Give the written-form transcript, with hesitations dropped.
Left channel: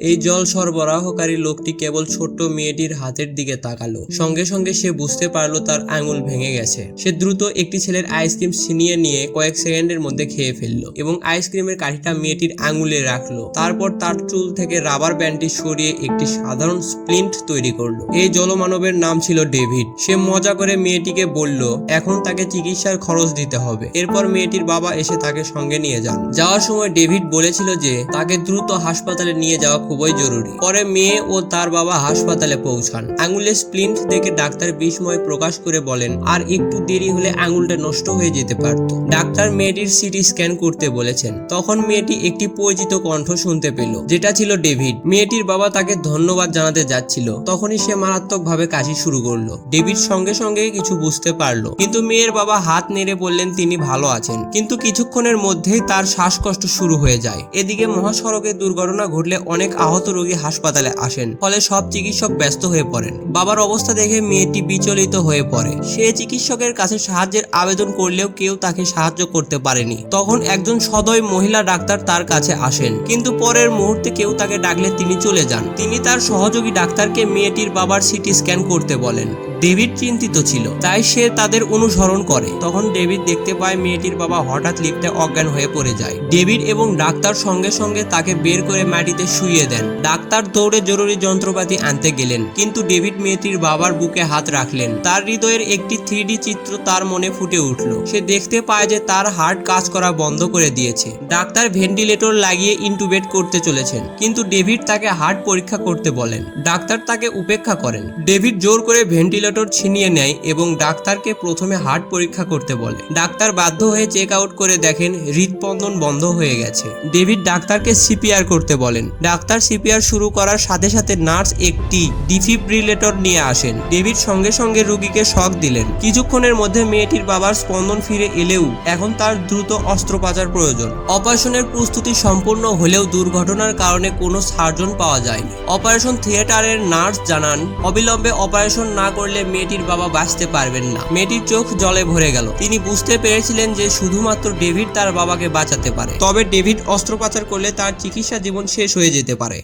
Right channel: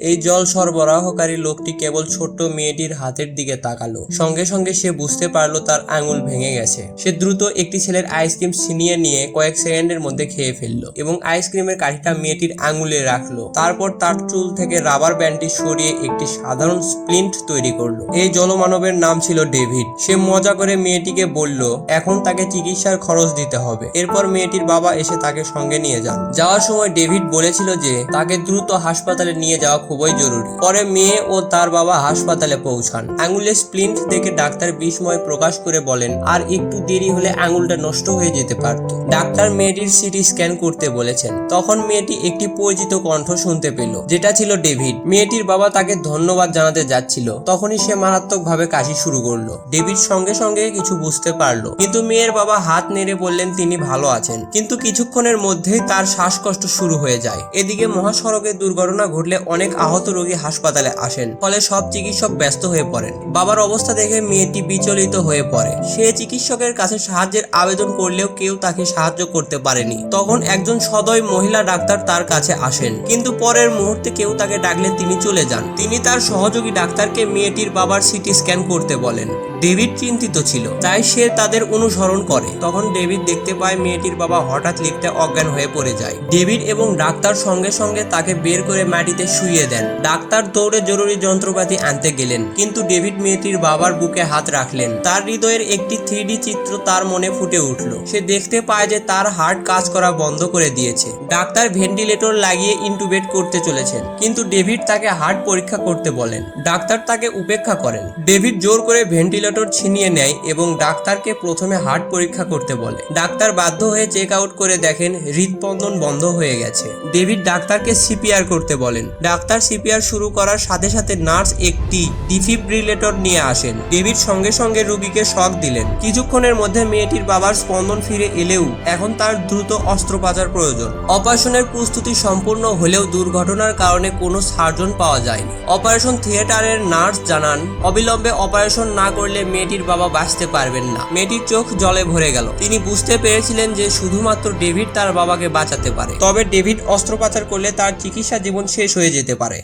এই জল সরবরাহকারী লোকটি কেবল ছোট্ট মেয়েটির হাতের দিকে তাকালো। সঙ্গে সঙ্গে সে বুঝতে পারলো তার আঙুল ভেঙে গেছে। সে দ্রুত একটি ছেলের আইসক্রিম ছিনিয়ে নিয়ে কয়েক সেকেন্ডের মধ্যে খেয়ে ফেললো এবং আইসক্রিমের কাঠিটা মেয়েটির আঙুলে রাখলো। তারপর তার চুল থেকে রাবার ব্যান্ডটি সরিয়ে একটি সাধারণ স্প্লিন্ট তৈরি করলো। এই জলমানবের নাম ছিল ডেভিড। সে মজা করে মেয়েটিকে বলল এখন তাকে চিকিৎসার খরচ দিতে হবে। এরপর মেয়েটির বাবা এসে তাকে সঙ্গে নিয়ে যান। যাওয়ার সময় ডেভিড বলেছিল যে তাকে দ্রুত হাসপাতালে নিয়ে যাওয়া খুবই জরুরি। পরে মেয়ে ও তার বাবা হাসপাতালে পৌঁছান। আঙুলে স্প্লিন্ট দেখে ডাক্তার বিস্ময় প্রকাশ করে বলেন আর একটু দেরি হলে আঙুলটা নষ্ট হয়ে যেতে পারত। ডাক্তার মেয়েটির সিটি স্ক্যান করতে বলেছেন। তখন মেয়েটি একটি পরিচিত কণ্ঠ শুনতে পেল, যেটা ছিল ডেভিড। মেয়েটির বাবা তাকে ধন্যবাদ জানাতে যাচ্ছিল, তখনই সে মারাত্মকভাবে কাশি শুরু করলো। ডেভিড সঙ্গে সঙ্গে কিছু বুঝতে পারলো, কিন্তু মেয়ের বাবা হাত নেড়ে বললেন তিনি ভালো আছেন। কিন্তু কিছুক্ষণের মধ্যেই তার শ্বাসকষ্ট শুরু হয়ে যায়। এদিকে মহাসড়কে দুর্ঘটনা ঘটলে অনেক আহত রোগী হাসপাতালে আসেন, ফলে সব চিকিৎসক ব্যস্ত হয়ে পড়েন। বাবার অবস্থা দেখে মেয়েটি বিচলিত হয়ে পড়ে। সে চিকিৎসকের কাছে সাহায্যের আবেদন করলেও কেউ তাকে সাহায্য করতে পারেনি। তখন একজন সদয় মহিলা ডাক্তার তার কাছে আসেন, কিন্তু পরের মুহূর্তে কেউ তাকে ডাকলে তিনি চলে যান। তিনি তার সহযোগী ডাক্তারকে মেয়েটির বাবার সিটি স্ক্যান করতে বলেন। ডেভিড চিন্তিত ছিল, তাই সে তাদের অনুসরণ করে। তখন ডেভিড দেখতে পায় মেয়েটির বাবা হঠাৎ লিফটে অজ্ঞান হয়ে পড়ে যায়। ডেভিড এবং ডাক্তার সঙ্গে সঙ্গে তাকে বের করে মাটিতে শুইয়ে দেন। ডাক্তার দৌড়ে জরুরি যন্ত্রপাতি আনতে গেলেন, কিন্তু ডেভিড মেয়েটির বাবার বুকে হাত রাখলেন। তার হৃদয়ের একটি 3D চিত্র তার মনে ফুটে উঠল। সে দেখতে পায় যে তার হার্ট কাজ করা বন্ধ করে দিয়েছে। ডাক্তার ভেন্টিলেটর লাগিয়ে ইন্টুবেট করতে চলেছেন, কিন্তু ডেভিড তাকে হার্ট পরীক্ষা করতে বলেন। ডাক্তার তাকে উপেক্ষা করেন। ডেভিড জোর করে ভেন্টিলেটর ছিনিয়ে নেয় এবং ডাক্তারকে প্রথমে হার্ট পরীক্ষা করতে বলে। ডাক্তার বাধ্য হয়ে চেক আউট করে দেখেন হৃদস্পন্দন বন্ধ হয়ে গেছে। ডেভিড ডাক্তারকে সিপিআর করতে বলেন। ডাক্তার সিপিআর শুরু করার সাথে সাথে নার্স একটি ডিফিব্রিলেটর নিয়ে আসেন। ডেভিড সঙ্গে সঙ্গে রোগীকে শক দিলেন। কিছুক্ষণের মধ্যে মেয়েটির বাবার স্পন্দন ফিরে এলেও এখন তার দ্রুত অস্ত্রোপচার প্রয়োজন। অপারেশনের প্রস্তুতি সম্পূর্ণ হলেও দুর্ঘটনার কারণে কোনো সার্জন পাওয়া যায়নি। অপারেশন থিয়েটারের নার্স জানান অবিলম্বে অপারেশন না করলে মেয়েটির বাবা বাঁচতে পারবেন না। মেয়েটির চোখ জলে ভরে গেল। তিনি বুঝতে পেরেছিলেন যে শুধুমাত্র ডেভিড তার বাবাকে বাঁচাতে পারে। তবে ডেভিড অস্ত্রোপচার করলে তার চিকিৎসা জীবন শেষ হয়ে যেতে পারে।